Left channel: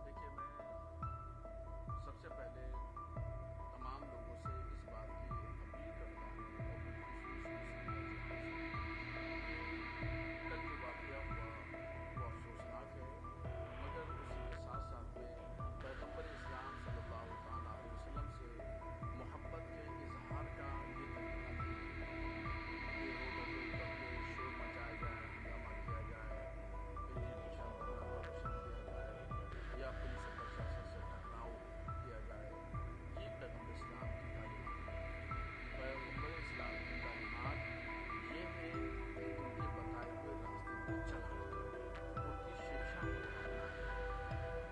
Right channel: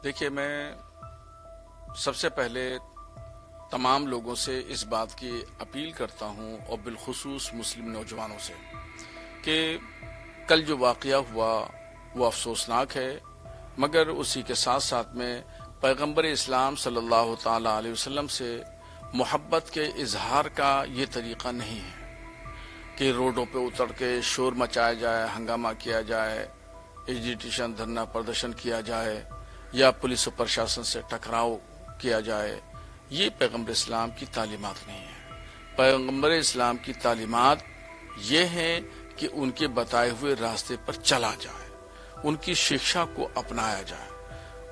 देखिए, मैं सबसे पहले तमाम लोगों से इस बात की अपील करता हूँ और बिलखुसूस मुस्लिम नौजवानों से कि कल जो वाक़या हुआ वो अफसोसनाक है, मगर उसी के साथ साथ में पैगंबर इस्लाम सल्लल्लाहु ताला अलैहि वसल्लम से मोहब्बत के इजहार का ये तरीक़ा नहीं है कि रोडों पे उतर के शोर मचाया जाए, हंगामा किया जाए, एजिटेशन धरना प्रदर्शन किया जाए या पुलिस और प्रशासन से टकराव किया जाए। ये पैगंबर इस्लाम की तालीमात नहीं है। पैगंबर इस्लाम की तालीमात ये है कि उनके बताए हुए रास्ते पर चला जाए, उनकी शिक्षा को अपनाया जाए।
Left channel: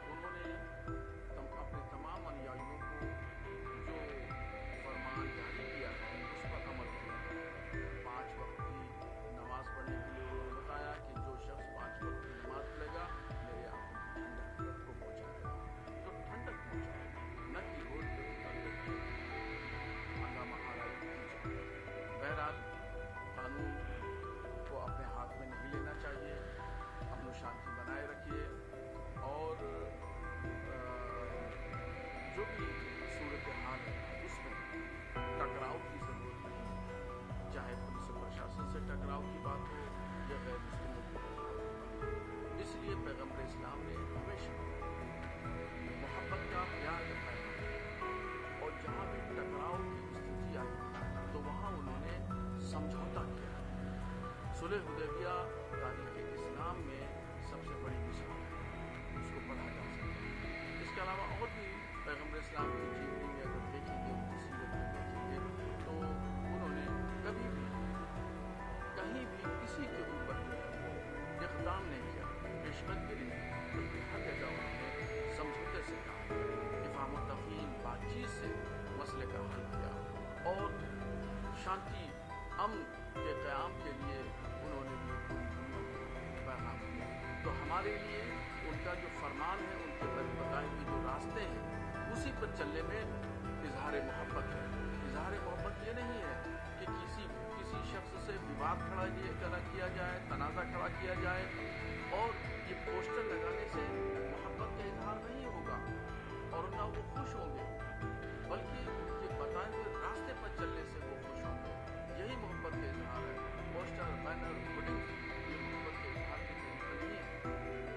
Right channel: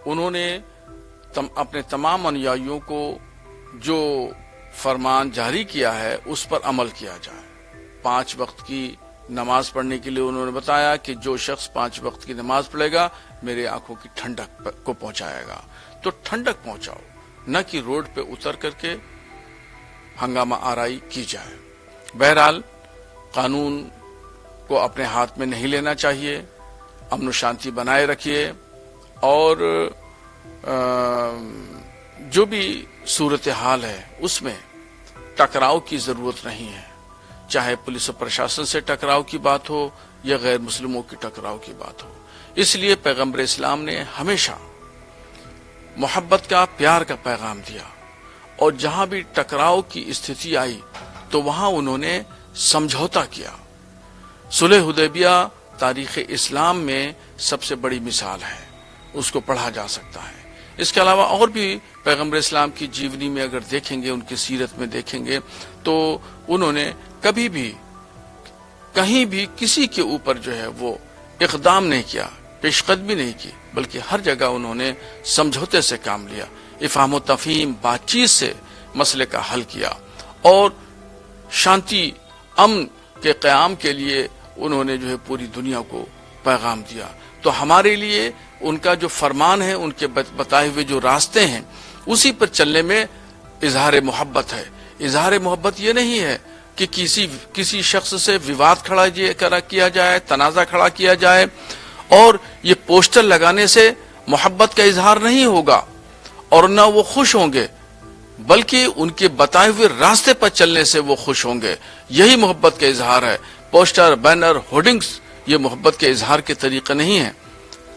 उन्होंने अपने तमाम अनुयायियों को जो फरमान जारी किया है उस पर अमल किया जाए। 5 वक्त की नमाज पढ़ने के लिए उन्होंने बताया कि जो शख्स 5 वक्त की नमाज पढ़ेगा मेरे आंखों की ठंडक को पहुंचाएगा। तो ठंडक पहुंचाओ, न कि रोड पे उतर करके हंगामा आराई की जाए। बहरहाल कानून को अपने हाथ में नहीं लेना चाहिए, अमन शांति बनाए रखिए और जो भी सूरत हाल है उसमें टकराव की जरूरत नहीं है, चाहे पुलिस और प्रशासन से टकराव की बात हो या गैर मुस्लिमों की टकराव की बात हो। इसलिए पैगंबर इस्लाम ने हमेशा मोहब्बत का, प्यार का पैगाम दिया और जहां भी टकराव की स्थिति आई तो वहां उन्होंने समझौता किया। सुलह हुदैबिया तारीख इस्लाम में सबसे बड़ी मिसाल है, उसको पढ़ा जा सकता है। इसके अलावा और भी पैगंबर इस्लाम की जीवनी में अगर देखेंगे, उनकी सीरत में देखेंगे तो उन्होंने कभी भी कहीं भी किसी के ऊपर जो है वो इक़दाम नहीं किया, पेशकदमी नहीं की, बल्कि हर जगह उन्होंने समझौते से काम लिया, इफ़हाम व तफ़हीम, बातचीत से मसले का हल किया और शांति अमन के क़याम के लिए उन्होंने जो है पूरी दुनिया को पैगाम दिया। तो हमारे लिए उनका जो फरमान है, उनके बताए हुए जो रास्ते हैं उसी पर चलने में इजहार मोहब्बत है। इजहार मोहब्बत ये नहीं है कि किसी शख्स से विवाद किया जाए, तनाज़ा खड़ा किया जाए और ये पोस्टर लगाने से मोहब्बत का इजहार नहीं होगा और न वो खुश होंगे, बल्कि उनके बताए हुए रास्ते पर चलने से वो खुश होंगे। यही मोहब्बत का इजहार है। पोस्टर, बैनर, होर्डिंग्स ये मोहब्बत के इजहार के तरीके नहीं है।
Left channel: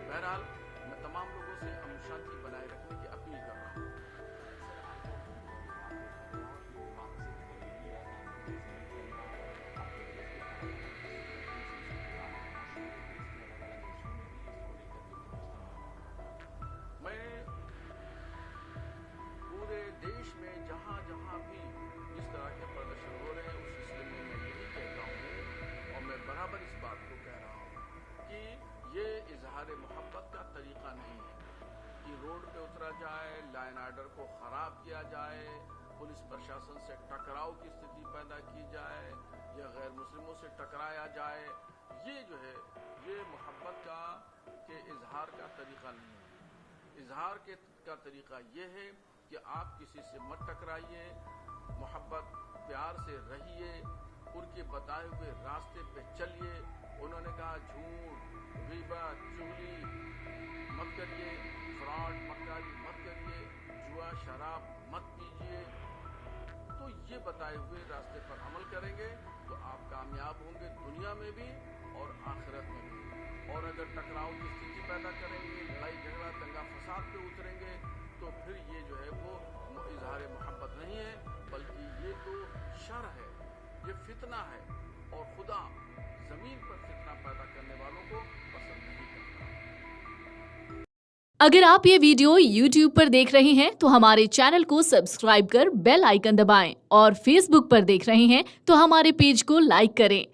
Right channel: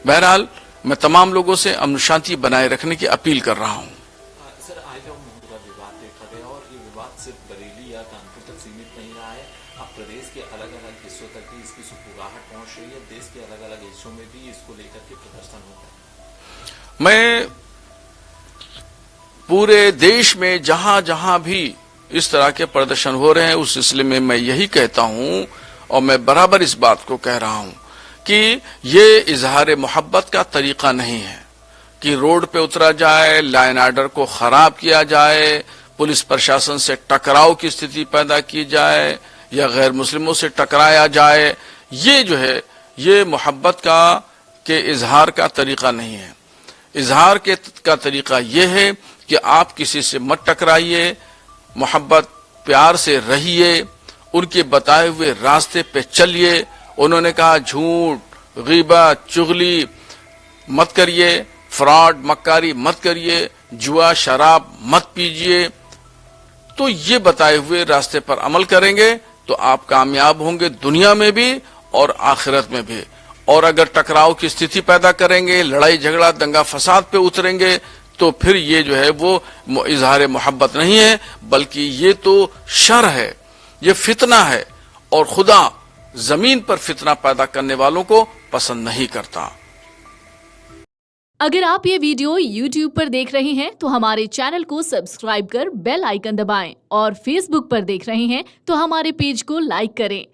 बहरहाल मैं तमाम लोगों से अमन शांति बनाए रखने की अपील कर रहा हूँ। सर, आज हम का विवाद देखा गया और ये विवाद सिर्फ बरेली या कानपुर तक सीमित नहीं रहा है। अब प्रदेश के अलग अलग हिस्सों तक भी इसकी सुगबुगाहट पहुंच रही है। देश के अलग अलग हिस्सों में भी इसको लेकर के प्रदर्शन होता है। मैं पूरे देश में जहां जहां भी इस तरह के प्रदर्शन हो रहे हैं उस सिलसिले में मैं यही कहता हूं और मैं बराबर इस बात को कह रहा हूं कि ये इजहार मोहब्बत का तरीका नहीं है कि रोड पे उतरा जाए, लाइन आर्डर को खराब किया जाए, पुलिस प्रशासन से टकराव की स्थिति पैदा की जाए या गैर मुस्लिमों से टकराया जाए। ये जो है ये मोहब्बत के इजहार का तरीका नहीं है। इजहार का तरीका ये है कि आप किसी से मत टकराइए, मोहब्बत प्यार से रहिए, उनके बताए हुए रास्ते पे चलिए। उन्होंने कहा झूठ, गीबत, चुगली मत करिए, फ्रॉड, मक्कारी मत करिए, जुआ, शराब मत पीजिए। तो ये बताए हुए रास्ते पर अमल करेंगे तो आप कामयाब होंगे दुनिया में भी और आखिरत में भी। और अगर टकराव की स्थिति पैदा करेंगे, लड़ाई झगड़ा, दंगा फसाद पे उतरेंगे तो फिर ये जो है वो इजहार मोहब्बत नहीं है, बल्कि ये तो शर है, ये फितना है और खुदा जमीन पर फितना पैदा करने वालों को पसंद नहीं करता। अगर आप ये वीडियो YouTube पर देख रहे हैं तो हमारे चैनल को सब्सक्राइब कर बेल आइकन दबाएं और Facebook पर देख रहे हैं तो हमारे पेज को लाइक करें।